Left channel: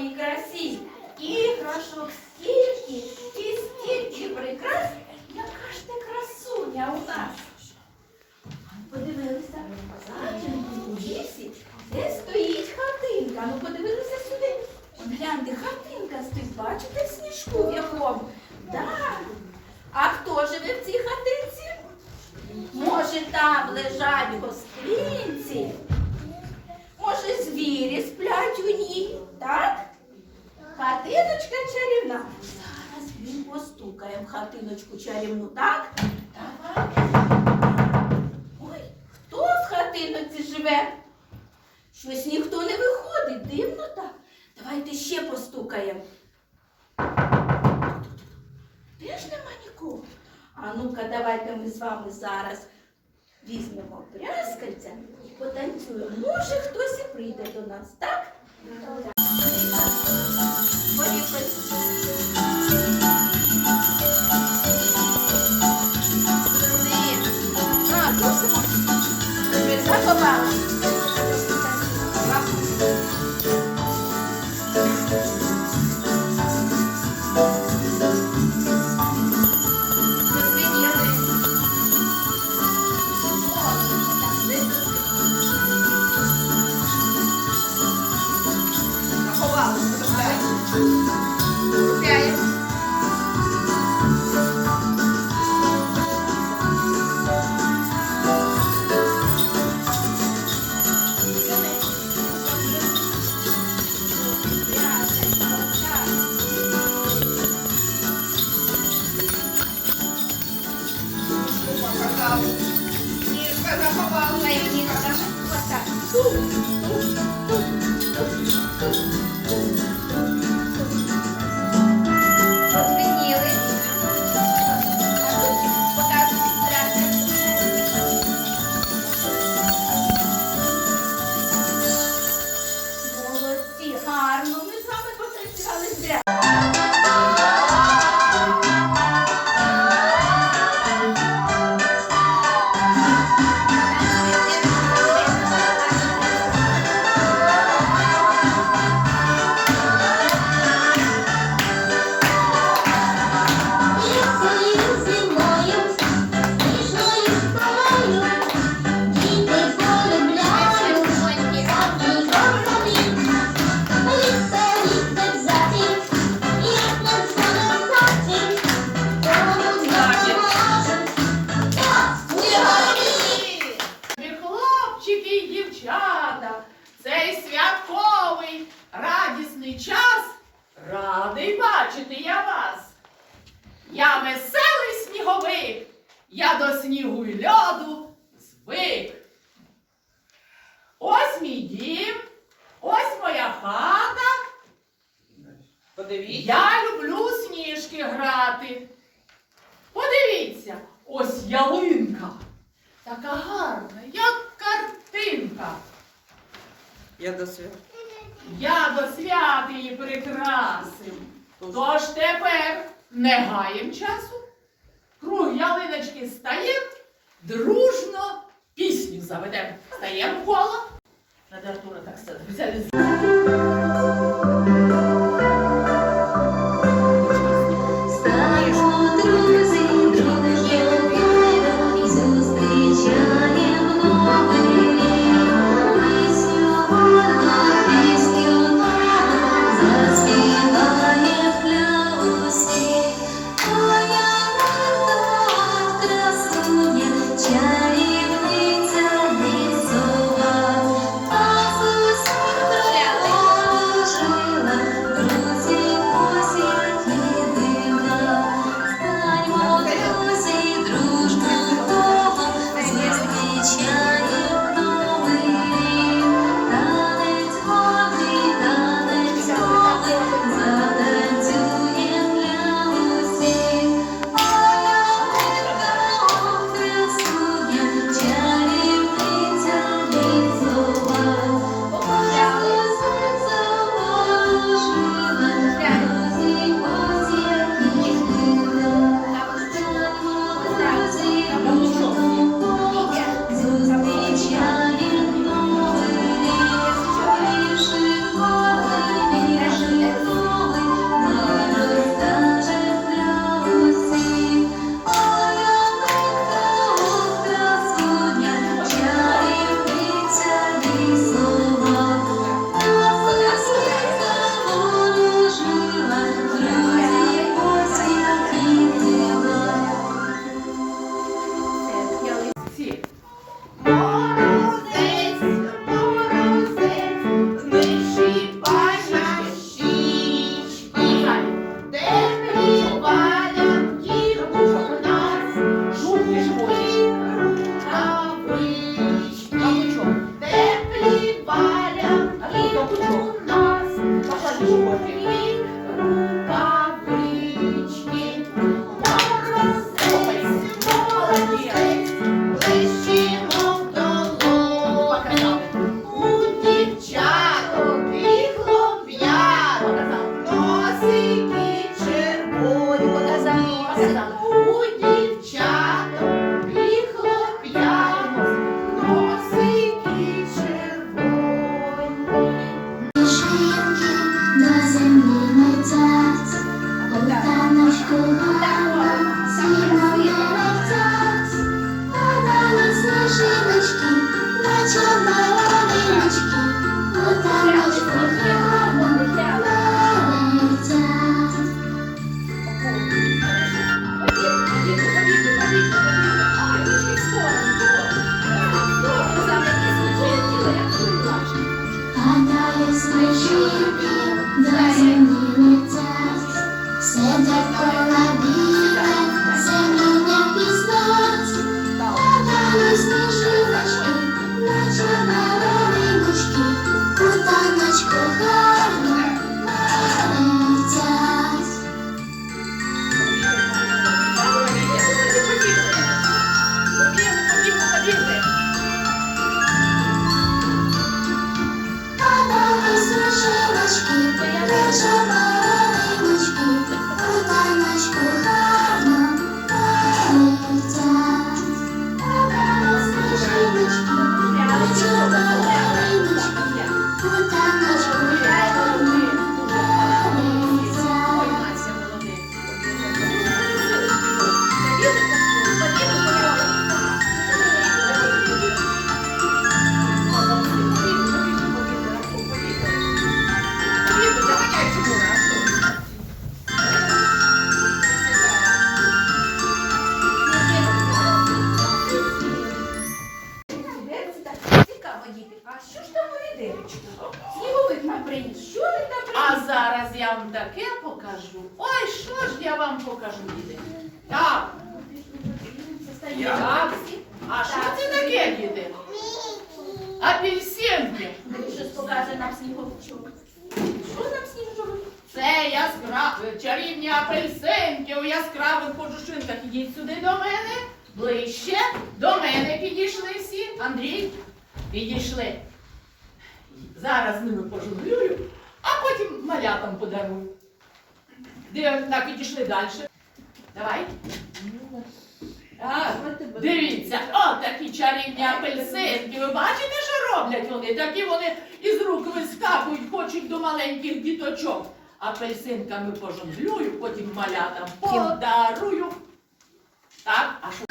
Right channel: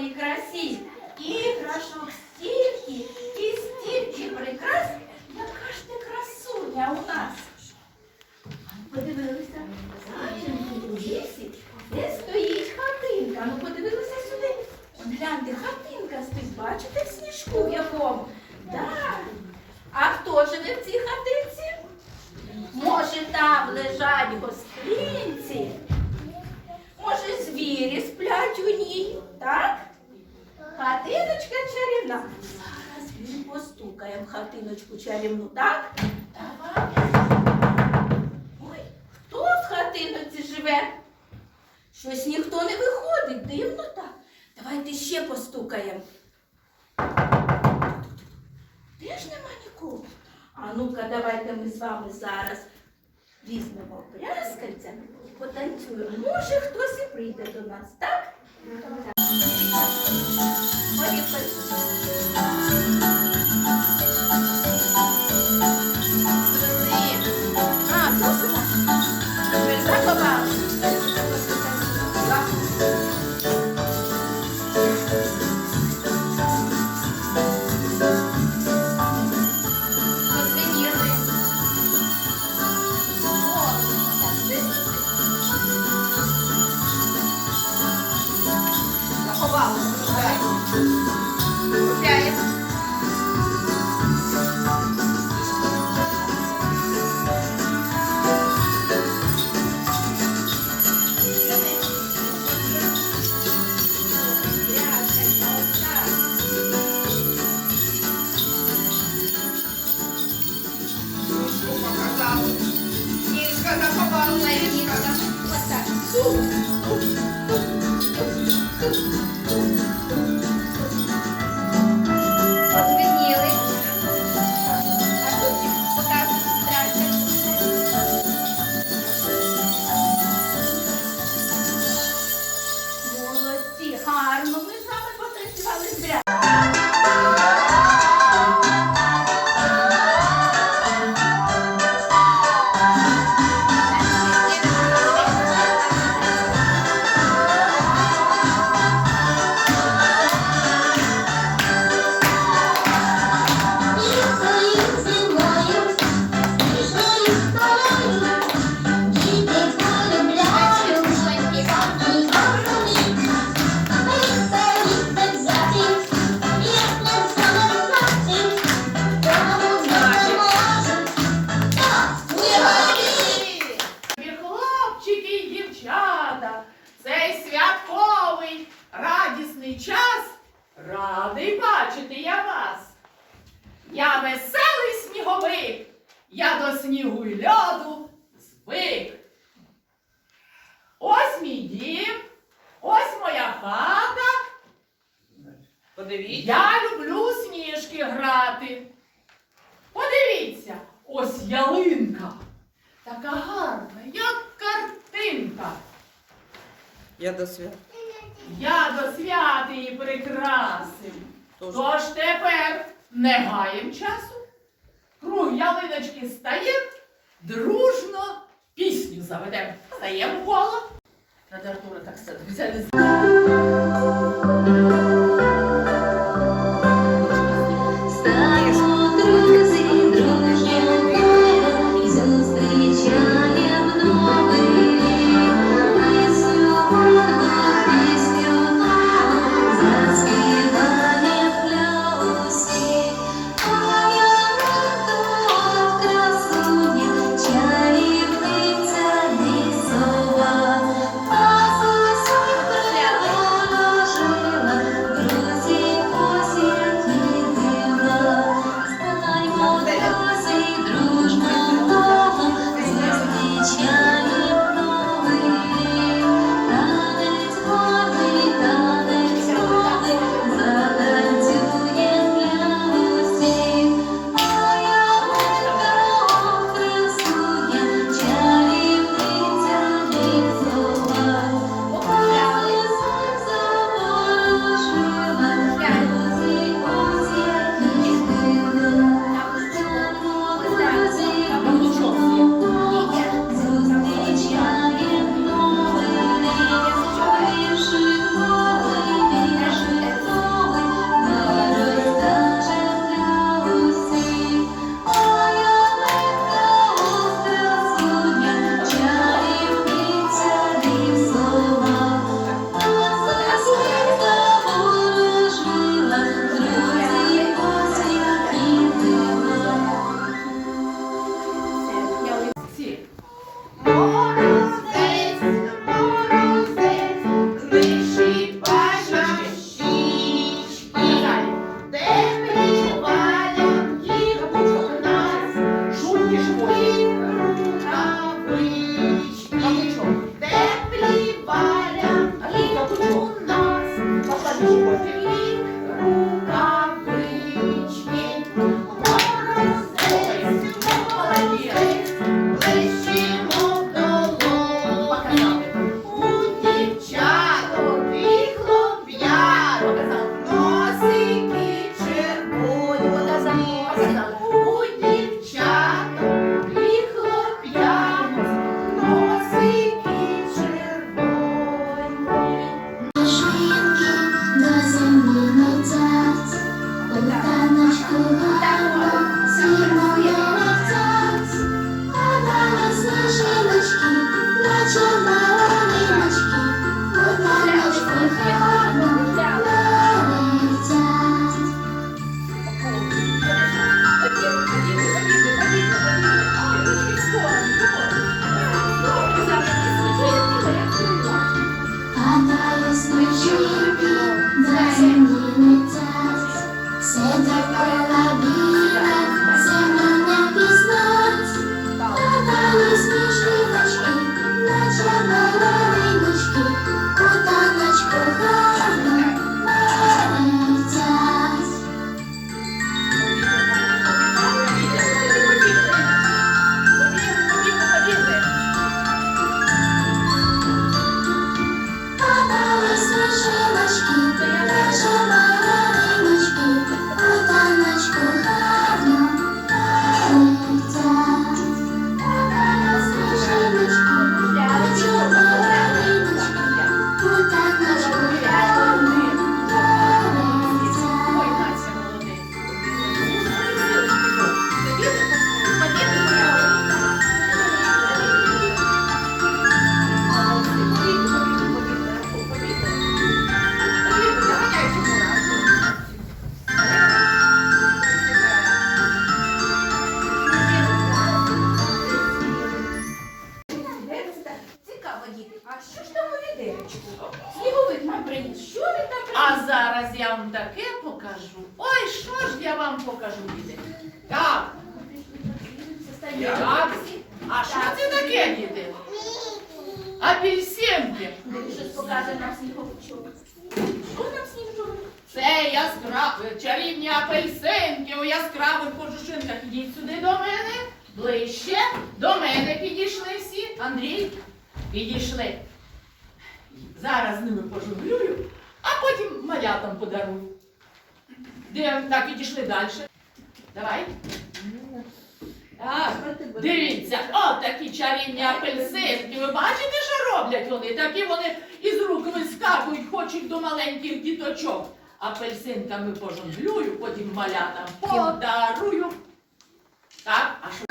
славній красі. живе. Щось ніхто не виходить, дивно так. Давайте ще постукаємо. Теж нема нікого. А ну-ка, давайте ми з вами зараз візьмемо пряскальця і потанцюємо. Може, хтось і прийде до нас, так? Ну, так. я до свят. Я до свят її прикрасив. Тож тепер не гаєм часу. Круг ялиночки стає, дружно пісню заведемо. Стаємо коло. Надо Артура так сказати. з ними пожонглюю, а потім малятам подарую. Де так відійшли далі. Давай. Так, Дивіться, о, такі чарівні апельсинки. Ви бачите, що роблять вони? Такі вони із рук вискакують, хочуть до маленьких діточок. Апельсинками пожонглюю, потім малятам подарую. Так, а що?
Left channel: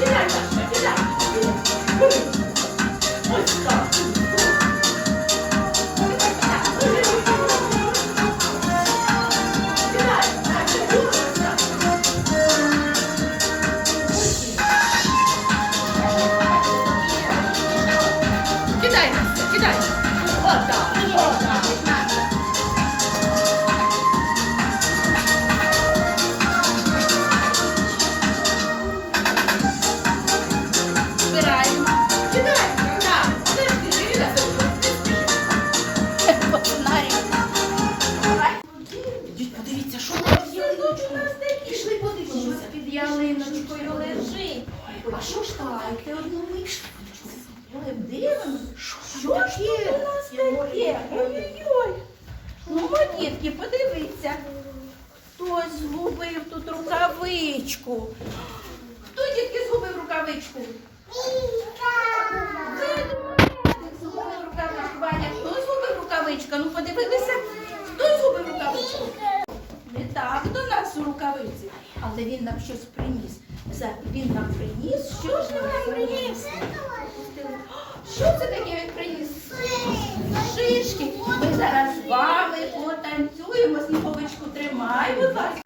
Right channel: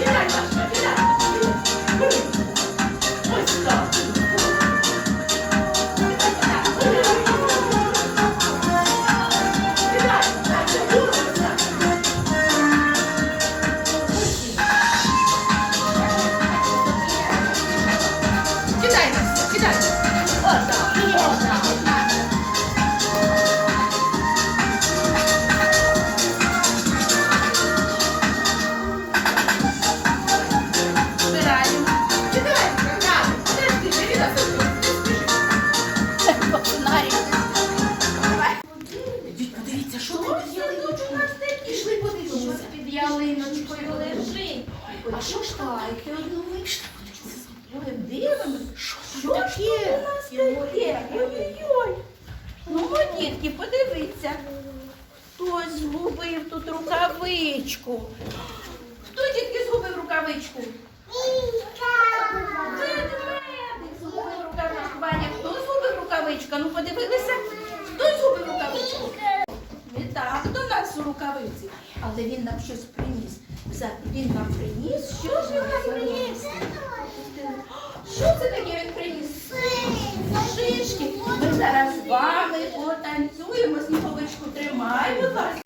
Thank you. нас під ялиночкою лежить. А що ж одну миш? Ой, дивно, що ж тут у нас таке? Ой-ой-ой. Ну, дітки, подивіться. Хтось згубив тут рукавичку. Хто дітки згубив рукавичку? Ведмедик згубив рукавичку. Ваня, хто згубив рукавичку? Ну подивилися, хто згубив рукавичку. Не так до нас у рукавиці але він нам щось приніс. За- Він нам приніс. Що ж він нам приніс? Що це таке він приніс? Шишки. Ми зараз з вами потанцюємо. Сніговичку тримай, будь ласка.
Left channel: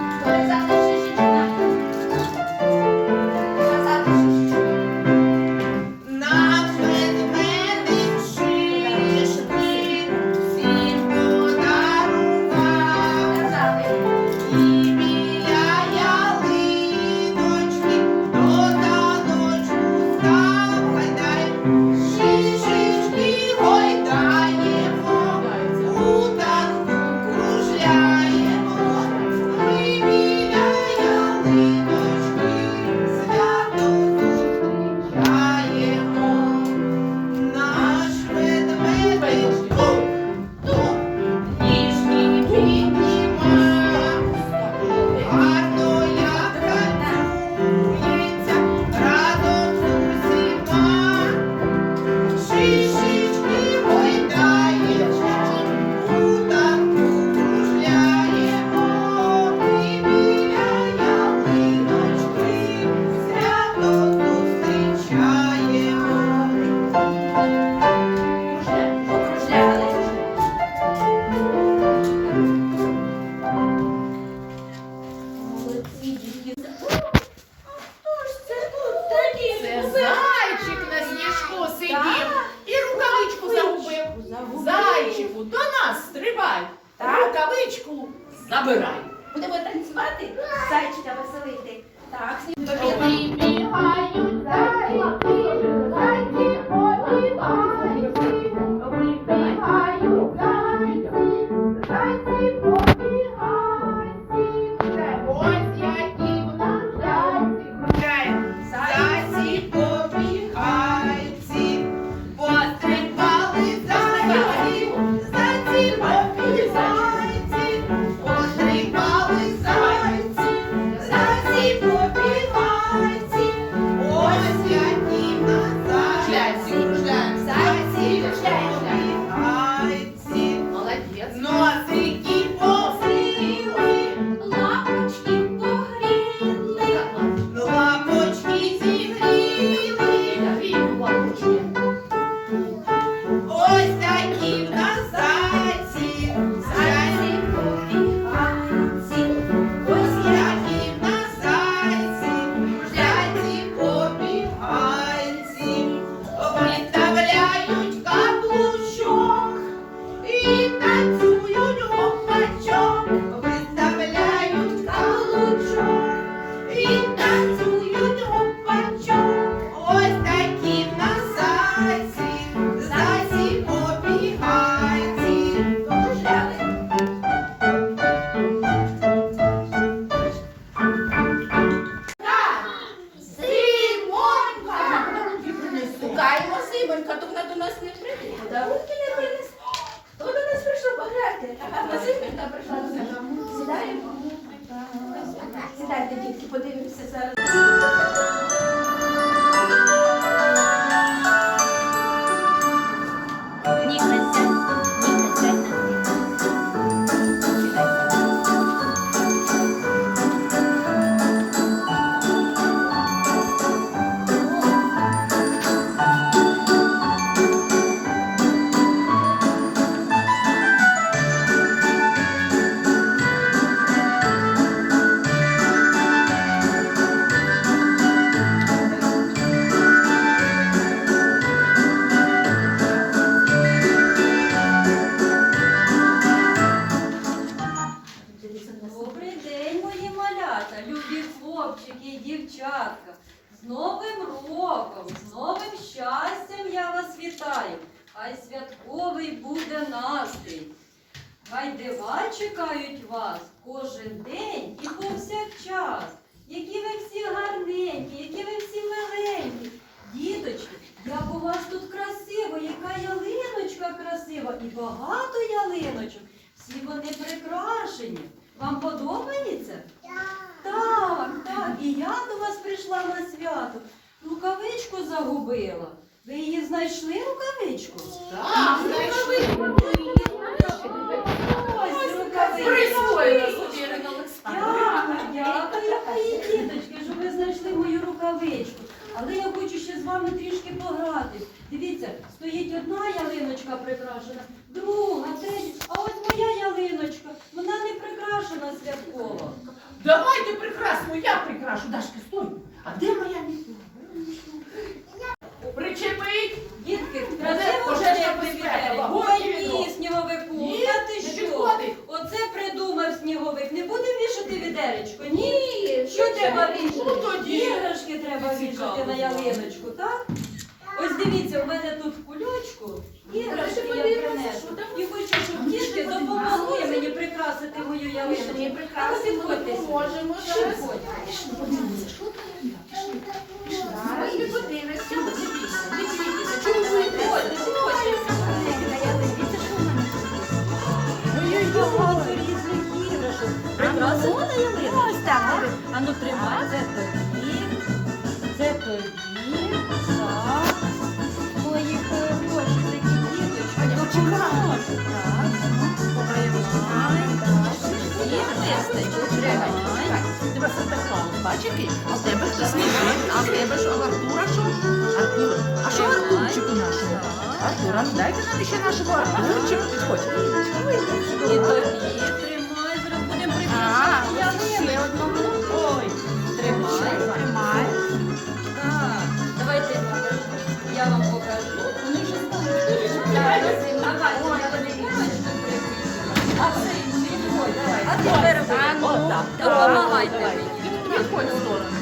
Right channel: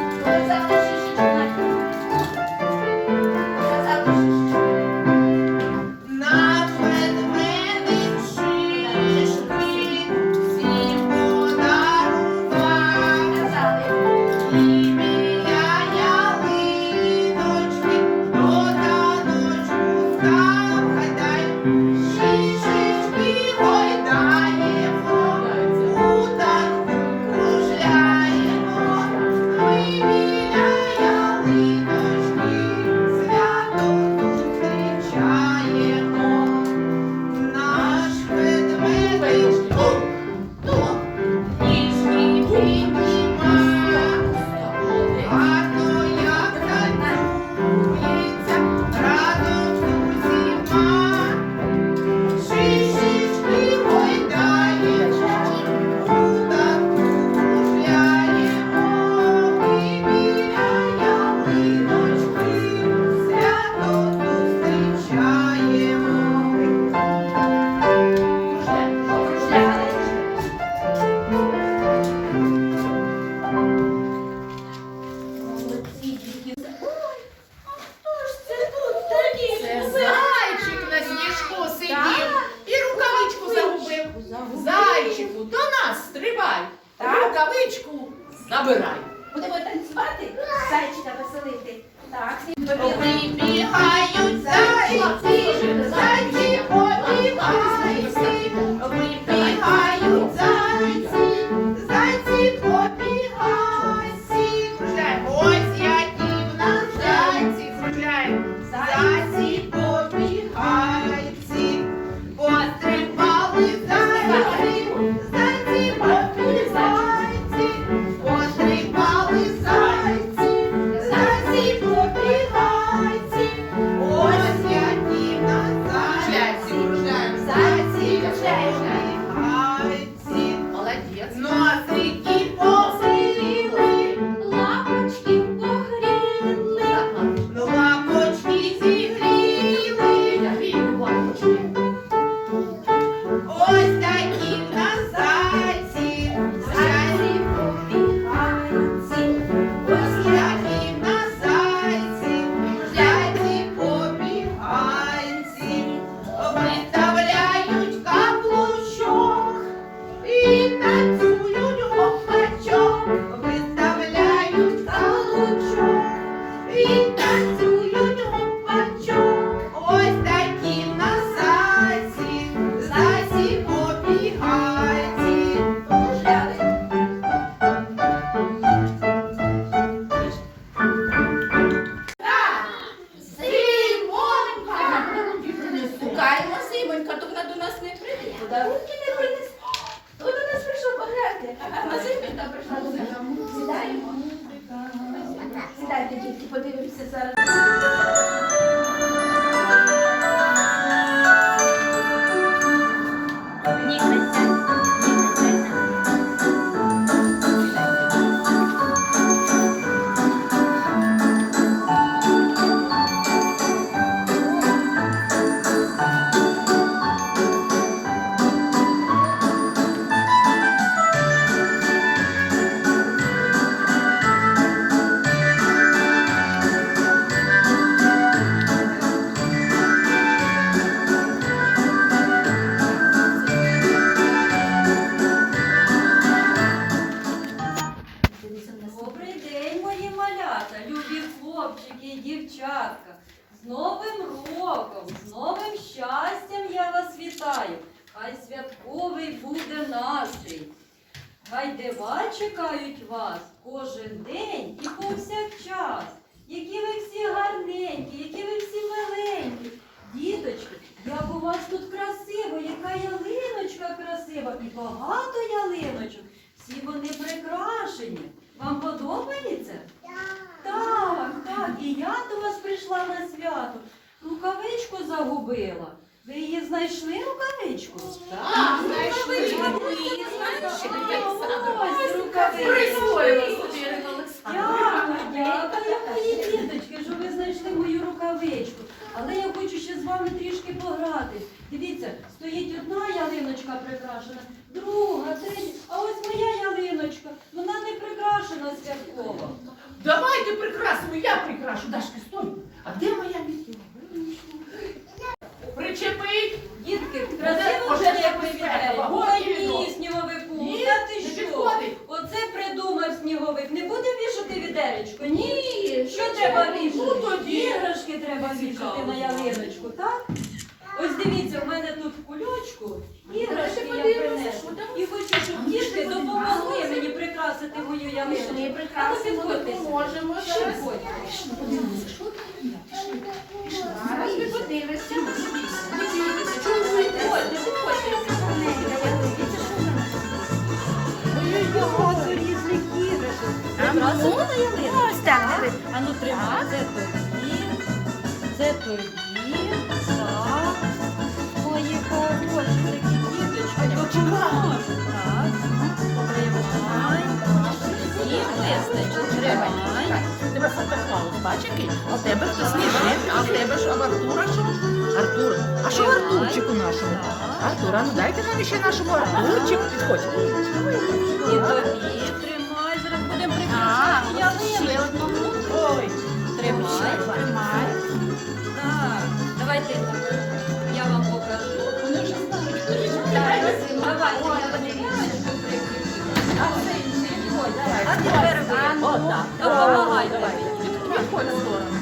Зайчику, до нас стрибай, Так. рукавичку забирай. Будемо танцювати, зайчика веселити. Так, всі побігли. Вибігають зайці, зайці побігають, святково. Давайте прикрасимо, я прикрашу. Дашка, на ялиночку? Ось так, диви. А ну тримай, це тобі, це тобі, так. Мої хороші такі діточки, допоможуть. Так, тримай, так. І вистачить, тримай. Тебе Санта Клаус, бачиш який? А в тебе ж сніг, а в тебе ж Артура що? Артур, а що. Артурчику нашому? Артура, ну дайте нам ще нашому Артурчик. Підходь. І тобі тримай, прикрашати ялиночку. Ой, Тримай, Тримай. Так, давайте я вам покажу. Давайте, я ялиночку прикрашу. а це підходь, давай. А тепер ви. Допомагайте мені. Підходь в сторону.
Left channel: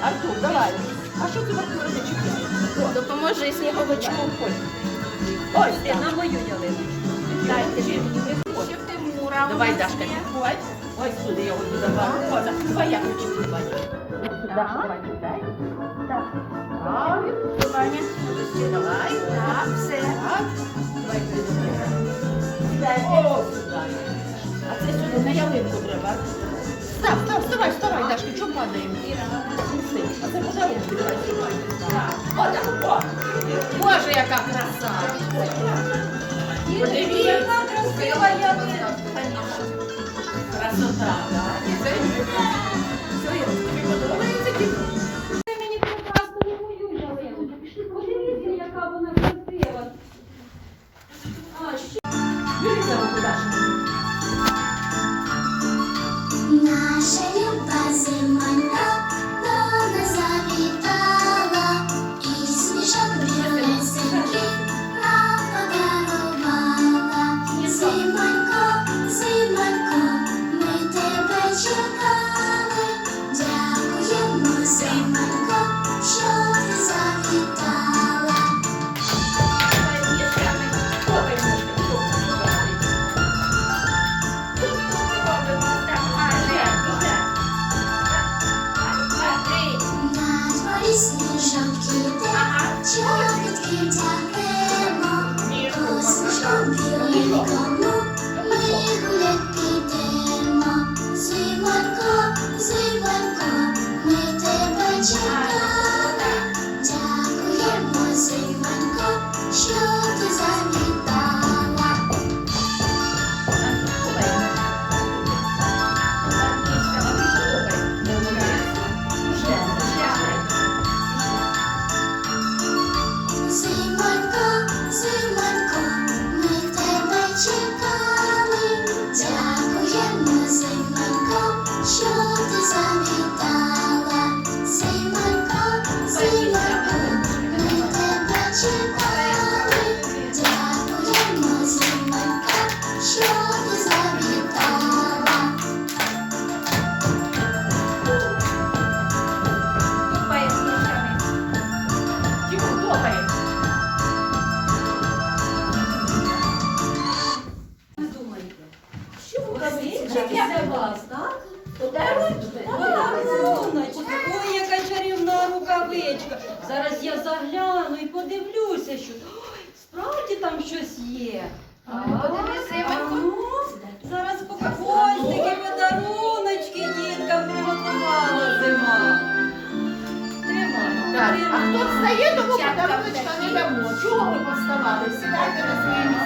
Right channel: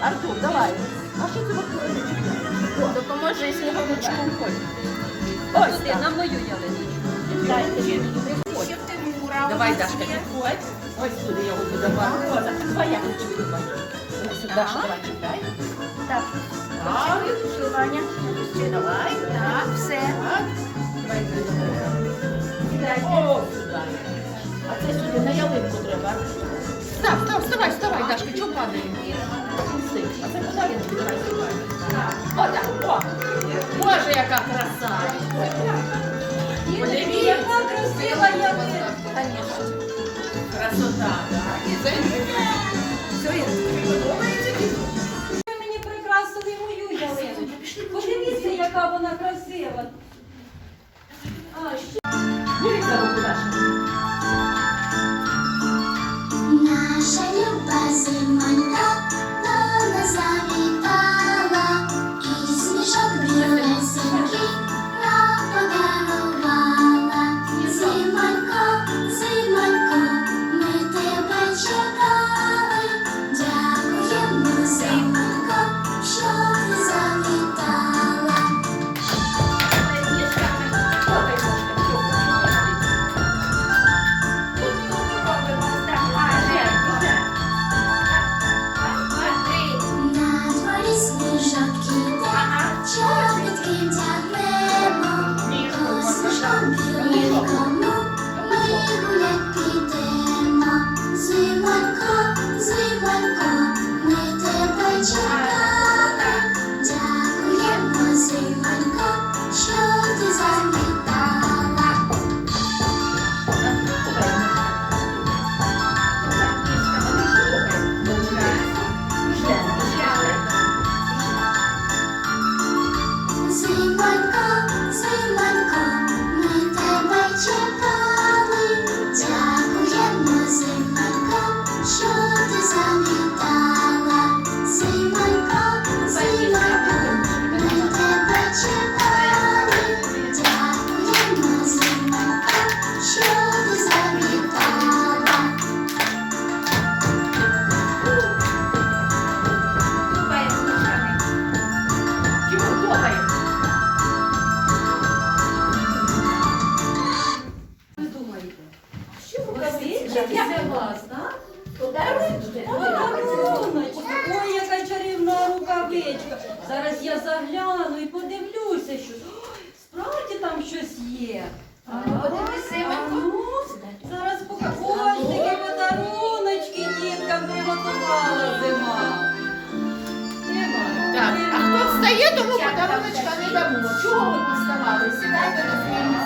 Артур, давай. А що ти в Артура не чіпляєш? Допоможи сніговичку. Ось Ти так. на мою ялиночку. Дайте ще в Тимура. Давай, Дашка, є. Ось сюди я буду давай. Роза, давай я хочу давай. Ось сюди, давай, чіпляй. Так. Так. Ваня? Ще давай. Так, все. Так. Давай, давай. О, сюди. А це сюди, на ялинку треба. Став, став, вставай, вставай, Дашка, чого падаємо? А це подарунки, давай сюди. О, так, о. Боже, яка краса. Діточки, яка красива ялиночка. Красота. І це Зараз я загляну і подивлюся, що Ой, справді там щось є. А ну, подивись, а ну, зараз покажу. Ось такі подаруночки діткам приготувала зима. Тримай. Так, а хто тримай. встає, тому Дівчатка, подаруночка не дамо. Чого ви поставали? Сідайте на свої